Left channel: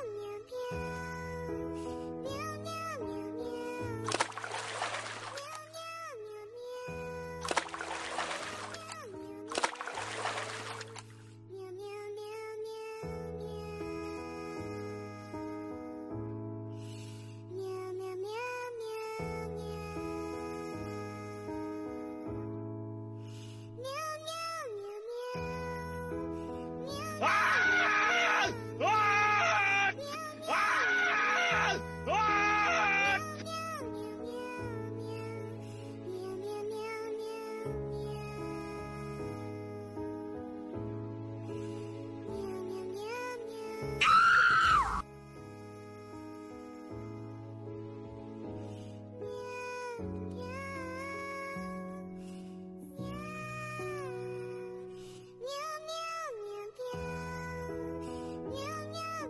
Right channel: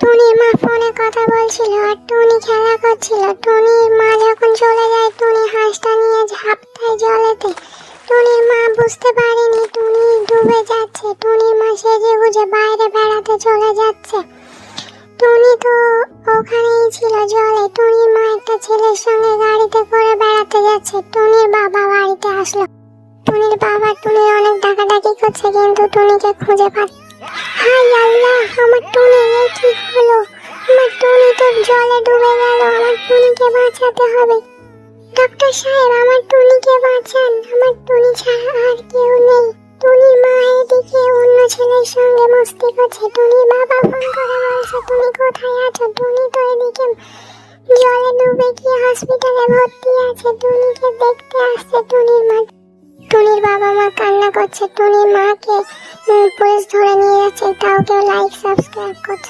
টুনির মা ফোনে কথা বলছিল আর টুনি খেলা করছিল। টুনির মা যখন চলে যায় টুনি হাঁসটা নিয়ে ঝাঁপটায় জলেতে। টুনির মা বুঝতে পারেনি টুনি ডুবে যাচ্ছে। টুনির মা সেজে গুজে বাইরে বেড়াতে চলে যাচ্ছে। টুনি তো ওখানেই ছিল জলে। টুনির মা একটা ছেলের সঙ্গে গাড়িতে করে বেড়াতে যাচ্ছে। টুনির বাবা বাড়িতে আসলো। টুনির বাবা টুনির অনেক ডাকাডাকি করছে কিন্তু টুনিকে খুঁজে পাচ্ছে। হাই আল্লাহ, আমার টুনি কি হলো? আমার টুনি তো জলে ডুবে গেল। আমার টুনিকে বাঁচাতে হবে। ডক্টর সাহেব, আমার টুনিকে বাঁচান। আমার টুনি ছাড়া আর কেউ নেই। টুনির মা এদিকে অন্য ছেলের সঙ্গে মস্তি করছে। টুনির বাবা ফোন করে বলছে টুনি কোথায় আছো? টুনি তো এদিকে জলে ডুবে গিয়ে হসপিটালে ভর্তি আছে। টুনিকে দেখতে আসছে টুনির মা। টুনির বাবা মা কান্না করছে। টুনির মাকে পুলিশ ধরে নিয়ে যাচ্ছে। তাও কেউ লাইক সাবস্ক্রাইব করছে।